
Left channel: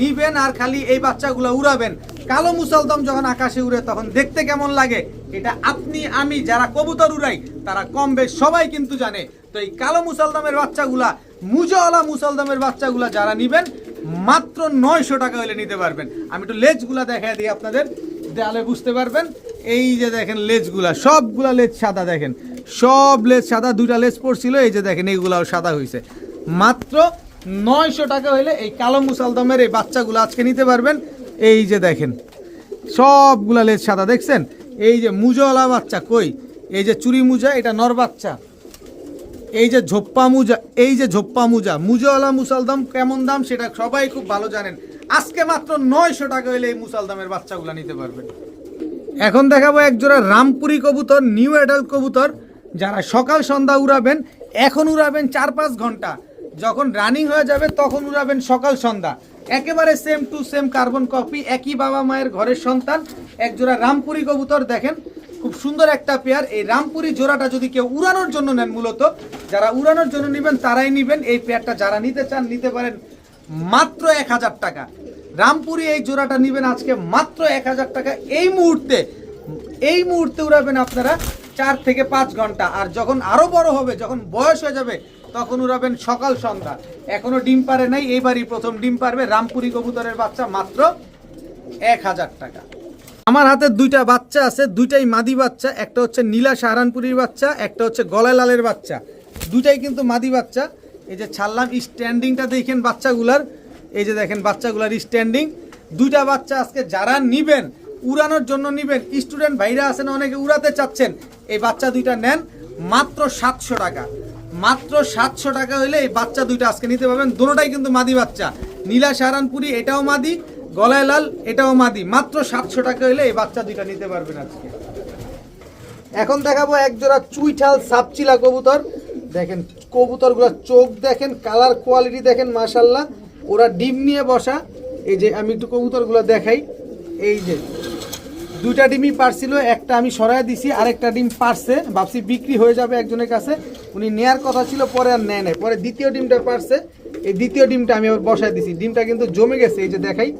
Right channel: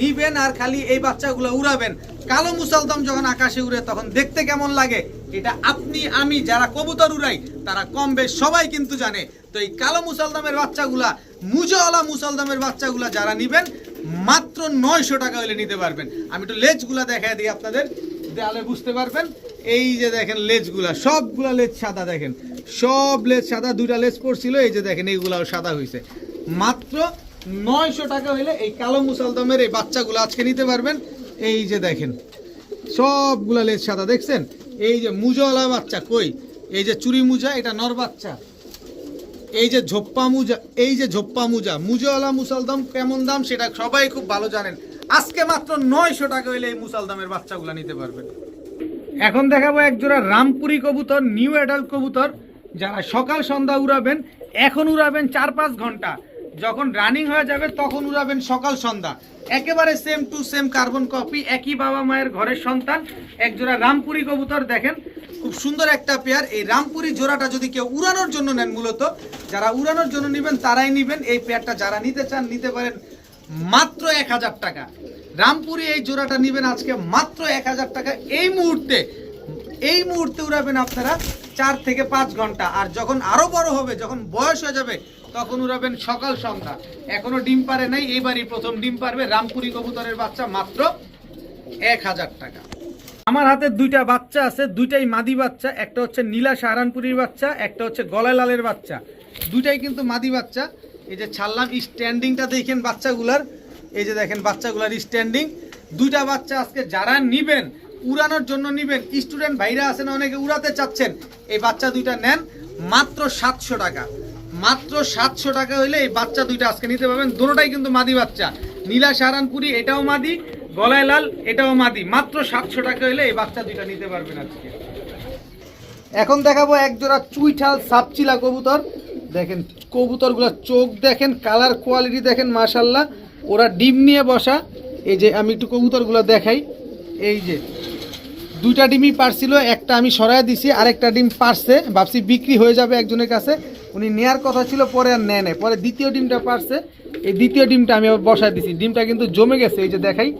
নিবেন আর খালি এই বাচ্চাগুলো উড়াবেন। কালো মুসালদম যখন আকাশে উড়ে তখন দেখতে কেমন লাগে এটা আপনি আমি যারা কবুতর উড়াই তারা কম বেশ সবাই কিন্তু জানে। তো এই কালো মুসালদমের বাচ্চাগুলা, মুজোওয়ালা মুসালদমের বাচ্চাগুলা যারা নিবেন মাত্র 900 টাকা হলে নিতে পারবেন। আমি একটু লেজগুলা দেখাই দিই আপনাদের, তাহলে বুঝতে পারবেন। এই যে দেখেন লেজগুলা, সবগুলা লেজ সাদা, দেখেন সব লেজ সাদা, দুইটা লেজ পড়ছিল, এই যে দেখেন এইগুলাও সাদা হয়েছে। মাত্র 900 টাকা হইলে এই কালো মুসালদমের এই বাচ্চাগুলো আজকে নিতে পারবেন। এই যে দেখেন সবগুলা লেজ সাদা, দেখছেন? এই যে মুজাওয়ালা বাচ্চা কই, এই যে চুরি মুজা, এটা নর বাচ্চা। এই যে ঝোপ্পা মুজা, এই যে ঝোপ্পা মুজা, মুজাওয়ালা মুসালদম কেমন দাম সেটা সবাই খুব ভালো জানেন। আজকে মাত্র 900 টাকা হইলে এই মুসালদমের বাচ্চাগুলো নিতে পারবেন। এখন দেখাবো এক জোড়া রামপুরি কবুতর, নিউ অ্যাডাল্ট কবুতর। যারা সকাল সন্ধ্যা উড়াবেন, এখন উড়াবেন 4-5 ঘন্টা, যখন রানিং হয়ে যাবে তখন উড়াবেন সকাল সন্ধ্যা। একেবারে same to same carbon copy, একই বাবা মায়ের ঘরের সন্তান। এক জোড়া রামপুরি কবুতর, দেখেন খুব সুন্দর একটা পেয়ার। এই রামপুরি জোড়াটা যদি কেউ উড়ানোর জন্য নেন, মূলত যারা উড়ানোর জন্য নেবেন তারাই নেবেন এই পেয়ারটা। যারা নিতে চান নিতে পারেন মাত্র 1000 টাকা। রামপুরি এই জোড়াটা নেবেন আজকে মাত্র 1000 টাকা। এই মুহূর্তে উড়াবেন আপনারা 4 থেকে 5 ঘন্টা। আর যখন আরো বড় হবে, যখন বয়স হয়ে যাবে, তখন উড়াবেন সকাল সন্ধ্যা। এখনো ডিম পারে নাই, এইবারই প্রথম ডিম পারবে। রামপুরি কবুতরের বাচ্চা মাত্র 1000 টাকা। আমার হাতে দুইটা বাচ্চা আছে, দুইটাই মাদি বাচ্চা। একটা হচ্ছে নীলা সাহারানপুরির বাচ্চা, একটা হচ্ছে গলায় লালের বাচ্চা। দুইটাই কিন্তু মাদি বাচ্চা। এই যে ছাড়লাম, স্ট্যান্ডিংটা দেখেন বাচ্চাগুলার, এই যে দেখেন বাচ্চাগুলার স্ট্যান্ডিং। দুইটা বাচ্চা আজকে যারা নিবেন, উড়ানোর জন্য নিবেন, স্টুডেন্ট ভাইরা আছেন অনেকে উড়াতে চাচ্ছেন, এই বাচ্চা দুইটা নেন মাত্র 700 টাকা। মাত্র 700 টাকা হইলে এই বাচ্চা দুইটা আজকে নিতে পারবেন। দুটোটাই কিন্তু মাদি বাচ্চা। নীলা সাহারানপুরি এটাও মাদি, গলায় লাল এটাও মাদি। মাত্র 700 টাকা হইলে এই বাচ্চা দুইটা নিতে পারবেন আজকে। এখন দেখাবো এক জোড়া চুইঠাল সাপচিলা কবুতর। দেখেন কবুতরগুলোর চোখ দেখেন, কালার কোয়ালিটি দেখেন, মাশাল্লাহ। ওরা ডিম নিয়ে বসা। এই যে আমি একটু কবুতরগুলো দেখাই, এই যে দুইটা ডিমই পারছিল, একটা আমি সরাই দিছি, আরেকটা ডিম পারছে। ভাবছি বিক্রি হয়ে যাবে একজনের কাছে, উনি নেয়ার কথা ছিল, পরে আর নেয় নাই। পরে দ্বিতীয় ডিমটা পারছে, এই দ্বিতীয় ডিমটা আমি আবার বসায় দিছি। ডিমটা কিন্তু জমে গেছে, এই যে দেখাই,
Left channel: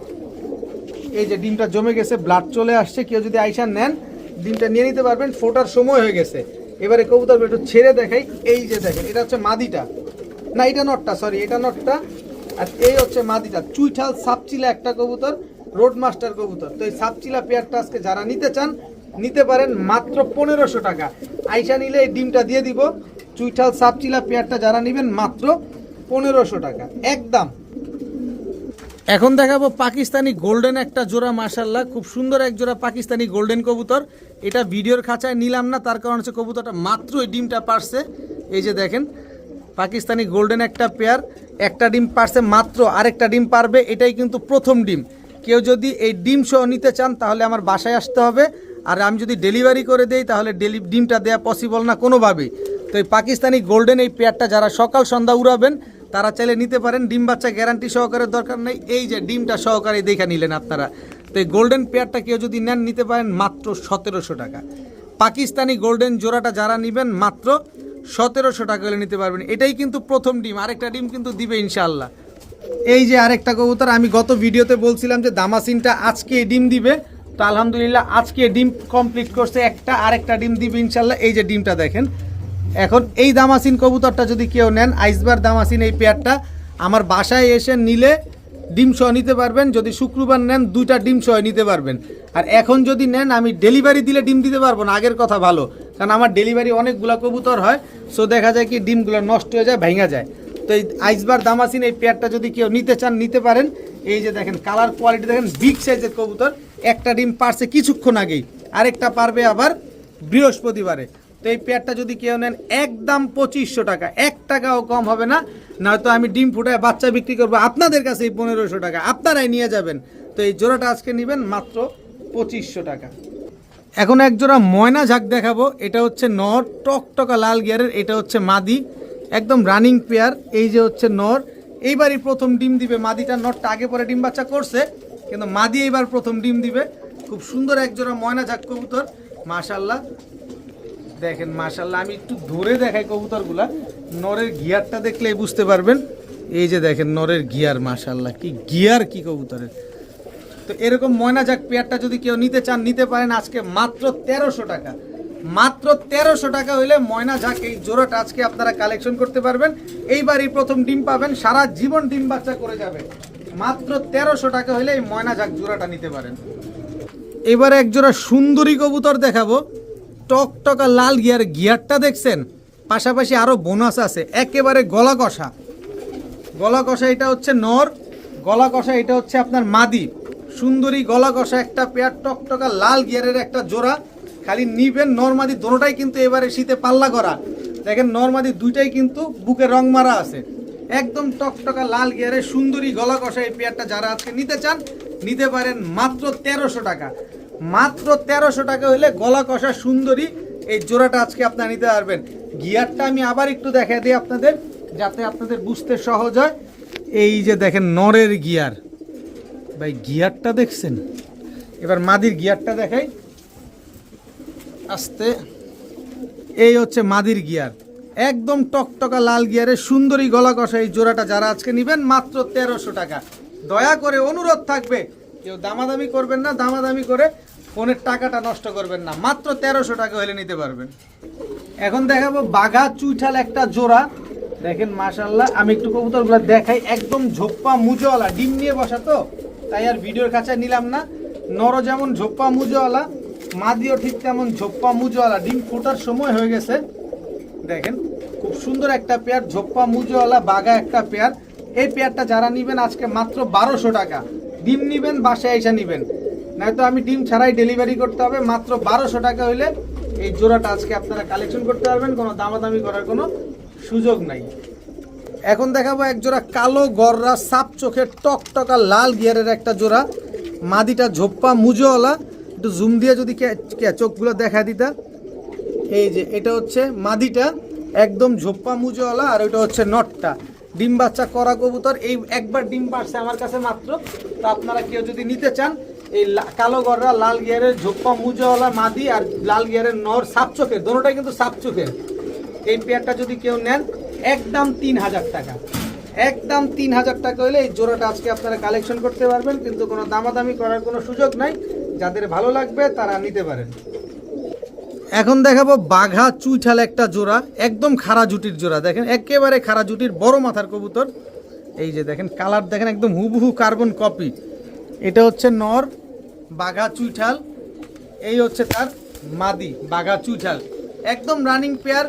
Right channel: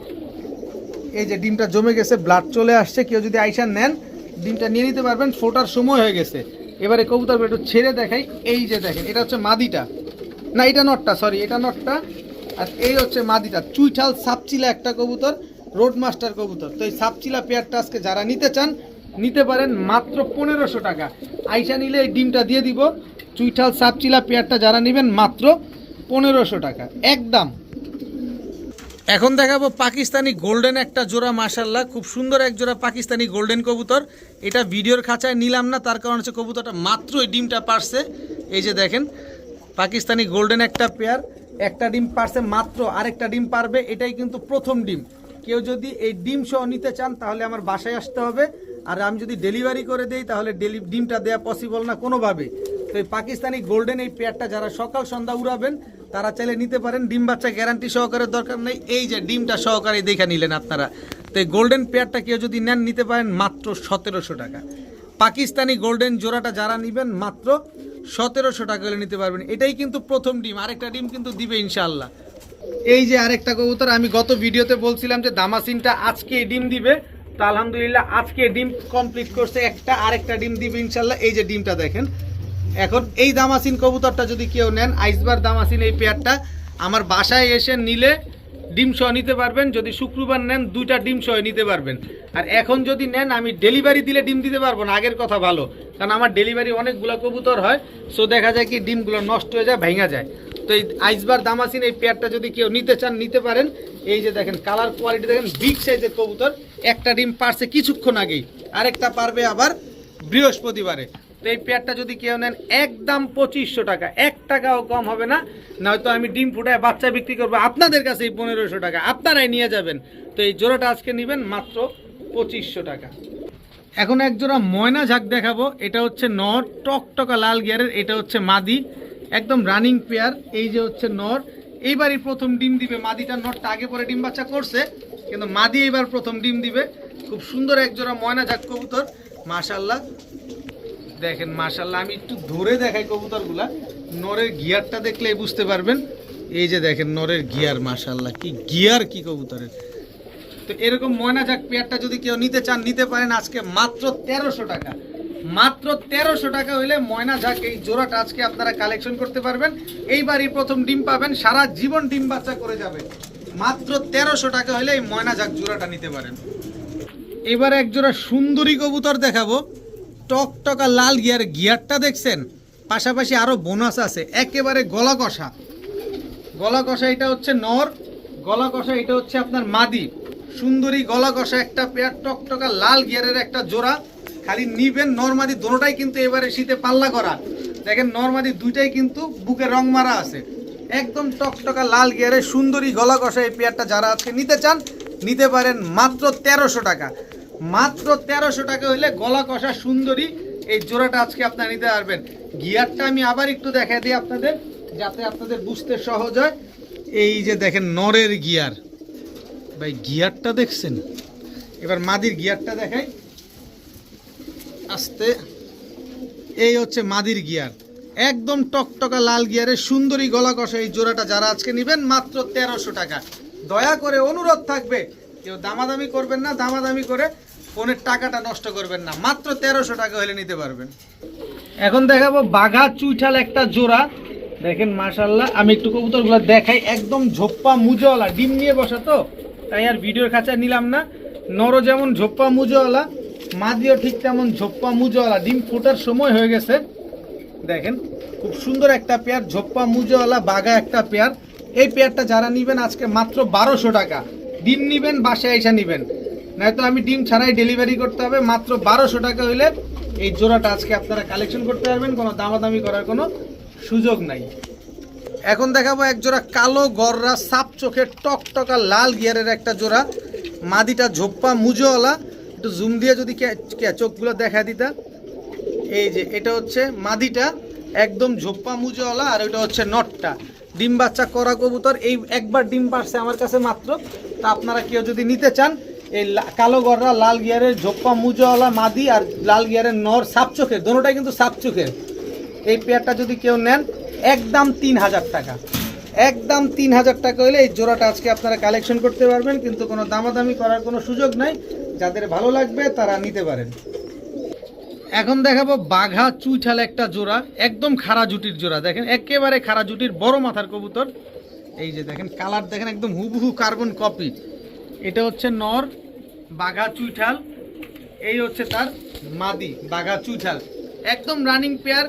এই যে ডিমটা জমে গেছে, ব্লাড চলে আসছে। কেউ যদি আইসা নেন ডিমটা নিয়ে নিতে পারবেন, ফোটার সময় হয়ে গেছে। এবারে কবুতর একটু ছেড়ে দেখাই, এই যে দেখেন এটা হচ্ছে মাদিটা, না এটা নটটা, সরি এটা নটটা, আর এই হচ্ছে মাদিটা। চুইঠাল সাপচিলা একটা কবুতর, রোড মাস্টার কবুতর। তো এই সাপচিলা পেয়ারটা আজকে যারা নিতে চান নিতে পারেন মাত্র 1500 টাকা। আইসা নিলে এই ডিমটা দিয়ে দিব। চুইঠাল সাপচিলা পেয়ারটা যারা নেবেন মাত্র 1500 টাকা একদম। এখন দেখাবো পাকিস্তানি গোল্ডেন একটা জোড়া, মাশাল্লাহ খুব সুন্দর এক জোড়া পাকিস্তানি গোল্ডেন কবুতর। এটা ভিডিওর খাঁচায় নিলাম না, তার কারণ হচ্ছে কবুতরটা মাত্র এই ডিমটা পারছে। এই যে দেখেন পাকিস্তানি গোল্ডেন একটা পেয়ার, একটা ডিম পারছে মাত্র, আরেকটা ডিম পারবে। এটাই কিন্তু প্রথম ডিম। কেউ যদি এই ডিম সহ নিতে চান তাহলে আমার বাসায় আসতে হবে, আর আমি যদি ডেলিভারি করে দেই তাহলে ডিমটা দেওয়া পসিবল না কোনোভাবেই। তো এই পাকিস্তানি গোল্ডেন এই পেয়ারটা যারা সকাল সন্ধ্যা উড়াবেন তারা চাইলে নিতে পারেন। ডিম বাচ্চা গ্যারান্টি সহকারে দরকার নেই, এই যে ডিমটা সহকারে দেখে নিলেন আপনারা। তো এই গোল্ডেন পেয়ারটা কেউ যদি নেন নিতে পারেন মাত্র 1700 টাকা। পাকিস্তানি গোল্ডেন জোড়াটা যারা নেবেন মাত্র 1700 টাকা হলে নিতে পারবেন। এটাই কিন্তু প্রথম ডিম, আরেকটা ডিম কিন্তু দিবে ইনশাআল্লাহ। এই যে আরেকটা কবুতর, আমি গত ভিডিওতে বলছিলাম যে দামাসিনটা আজকে ডিম দিবে, তো আলহামদুলিল্লাহ আজকে ডিম কমপ্লিট করছে একটা, আরেকটা ডিম দিবে ইনশাআল্লাহ। এই যে ডিমটা দেখেন। এখন এই দামাসিন কবুতরটা যদি কেউ নেন, আইসবার দামাসিন এই পেয়ারটা আমার বাসায় এসে নিলে ডিম সহ নিতে পারবেন। যদি শুক্রবার নেন দুইটা ডিম সহ নিতে পারবেন। আর এখন যদি নেন আমি ডেলিভারি দিলে ডিম দিতে পারবো না, আগের কথা ভালো, কারণ আমার ডেলিভারি অনেকগুলো কবুতর হয়, সো দেখা যায় কি ডিমগুলো নষ্ট হয়ে যায়, ভেঙে যায়। তো এই আইসবার দামাসিন এই পেয়ারটা যদি কেউ নিতে চান নিতে পারেন। এই যে দেখেন কালার কোয়ালিটি দেখেন, বিগ সাইজের কবুতর। একটা ডিম পারছে কিছুক্ষণ আগেই, আরেকটা পারবে আবার বৃহস্পতিবারে। তো এই পেয়ারটা যদি কেউ নেন একদম 2500 টাকা, 1 টাকাও কম হবে না। নয়তো আমি ডিম ফুটায় বাচ্চা বিক্রি করবো আপনাদের কাছে এই 1500 টাকা, আপনারাই নিয়ে যাবেন। তো এই জোড়াটা আজকে নেবেন মাত্র 2500 টাকা। এখন এক জোড়া ময়না ঝাঁক দেখাবো। এটা হচ্ছে নর, টকটকা লাল গিয়ারের। এটা হচ্ছে মাদি, একদম রানিং পেয়ার। এই যে হচ্ছে নর, এইবারই প্রথম ডিম দিবে। মাদিটা নরটা আগে পরে ডিম বাচ্চা করছে, কিন্তু মাদি এইবার প্রথম ডিম দিবে। খুব সুন্দর এক জোড়া ময়না ঝাঁক কবুতর, মাশাল্লাহ দেখেন মাশাল্লাহ। আমি একটু ধরে দেখাই কবুতরগুলা, নরের গিয়ারটা দেখলেই বুঝতে পারবেন। এই যে দেখেন নরের গিয়ার, মাশাল্লাহ কি গিয়ার কি কবুতরের। তো এরকম ময়না ঝাঁক পেয়ারটা যদি কেউ নিতে চান নিতে পারেন আজকে মাত্র 1300 টাকা। মাত্র 1300 টাকা হইলে ময়না ঝাঁক এই জোড়াটা আজকে আপনারা কালেকশন করতে পারবেন। এইবারই প্রথম ডিম পাবেন, সারা জীবন ডিম বাচ্চা করে যাবে। মাত্র 1300 টাকা হইলে এই ময়না ঝাঁক জোড়াটা নিতে পারেন। এবারে একজোড়া সুন্দরী কবুতর দেখাবো, টকটকা লাল গিয়ার, গিয়ারটা দেখছেন, পাশাপাশি আরো বোনাস আছে, একেবারে গলা কষা। গলা কষা এটা হচ্ছে নর, গলা কষা এটা হচ্ছে আপনার মাদি। সুন্দরী গলা কষা একটা পেয়ার, টকটকা লাল গিয়ারের একটা জোড়া। খালি নিবেন, নরমাদি দোনোটাই কিন্তু এবারে শীতে পাল্লা করা। দেখেন নরমাদি দুইটাই কিন্তু বুকে রং মারা আছে। একদম টকটকা লাল গিয়ারের সুন্দরী গলা কষা এই পেয়ারটা যারা আজকে নিতে চান নিতে পারেন মাত্র 1300 টাকা। মাত্র 1300 টাকা হলে গলা কষা সুন্দরী এই জোড়াটা আজকে আপনারা নিতে পারবেন। গিয়ারটা আমি আবার একটু দেখাই দিই আপনাদের, যাতে আপনাদের বুঝতে সহজ হয়। এই যে দেখেন নরের গিয়ার, ভাই গিয়ারটা দেখছেন। এবার মাদির গিয়ারটা দেখাই আস্তে। এই হচ্ছে মাদির গিয়ার, একদম টকটকা লাল গিয়ারের সুন্দরী গলা কষা এই জোড়াটা যারা আজকে নেবেন মাত্র 1300 টাকা। দয়া করে অনুরোধ থাকবে, কেউ দামাদামি করবেন না, দামাদামি করে ফোনের টাকাটা নষ্ট করবেন না, মাত্র 1300 টাকা হলে নিতে পারবেন। এখন দেখাবো বাঘা চুইঠাল একটা জোড়া। দেখেন মাশাআল্লাহ, আমি একটু কবুতরগুলো দেখাই। একদম ঝোপ্পা মুজোওয়ালা, ডিম নিয়ে বসা তো তাই আর ভিডিওর কাছে নিলাম না। নর যেমন ঝোপ্পা মুজোওয়ালা, মাদিও ঠিক তেমন ঝোপ্পা মুজোওয়ালা, ডিম ফোটার সময় হয়ে গেছে। দেখেন খুব সুন্দর একটা পেয়ার, ঝোপ্পা মুজোওয়ালা বাঘা একটা পেয়ার। এই পেয়ারটা যারা নিবেন আজকে মাত্র 1200 টাকা। ডিম নিবেন বাসায় এসে নিবেন, নয়তো আমি ডিম ছাড়াই ডেলিভারি করতে হবে। মাত্র 1200 টাকা হইলে এই জোড়াটা আজকে আপনারা কালেকশন করতে পারবেন, কোনো দামাদামি করার কোনো সুযোগ নাই। এখন দেখাবো এক জোড়া কালো গররা সাপ চোখের টকটকা লাল গিয়ারের একটা জোড়া। মাদিটা ঝোপ্পা মুজোওয়ালা, একটু জুম দিয়ে যদি চোখগুলো দেখা দিতা। এই যে এটা হচ্ছে মাদিটা, একদম ঝোপ্পা মুজোওয়ালা, আর ওইটা হচ্ছে নটটা। ডিম বাচ্চা করা কবুতর, এই একবার ডিম পারছে আমার কাছে মাত্র। তা আপনারা কেউ যদি নিতে চান এই কালো গররা লাল গিয়ারের ঝোপ্পা মুজোওয়ালা মাদি আর লাল গিয়ারের নর সাপ চোখের, দোনোটাই কিন্তু সাপ চোখের, এই পেয়ারটা যদি কেউ নেন একদম 3000 টাকা। একদম 3000 টাকা হলে এই জোড়াটা আজকে আপনারা কালেকশন করতে পারবেন, কিন্তু কোনো দামাদামি করার কোনো সুযোগ নাই। যাদের ভালো লাগবে তারা নিতে পারেন। এখন দেখাবো বাঘা চুইঠাল একটা জোড়া, একদম খাড়া জুটির জোড়া। দেখেন একেবারে খাড়া জুটির বড় মাথার কবুতর। এই যে দেখেন কালার দেখেন একদম হুবহু কার্বন কপি। এটা হচ্ছে নর বাঘা চুইঠাল, এই হচ্ছে তার মাদি বাঘা চুইঠাল। একদম রানিং পেয়ার,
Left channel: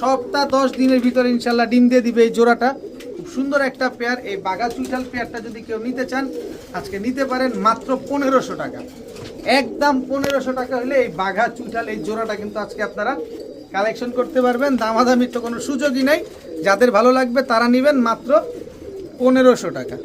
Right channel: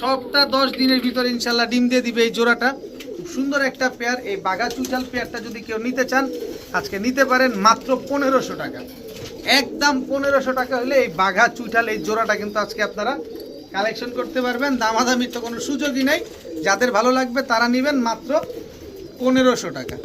সপ্তাহ 10 দিনের ভিতরে ইনশাল্লাহ ডিম দিয়ে দিবে এই জোড়াটা। খুব সুন্দর একটা পেয়ার। এই বাঘা চুইঠাল পেয়ারটা যদি কেউ নিতে চান আজকে নিতে পারেন মাত্র 1500 টাকা। একদম 1500 টাকা হলে এই বাঘা চুইঠাল এই জোড়াটা কিন্তু আজকে আপনারা কালেকশন করতে পারবেন। দামাদামির তো কোনো সুযোগই নেই, যাদের ভালো লাগবে তারা নেবেন মাত্র 1500 টাকা।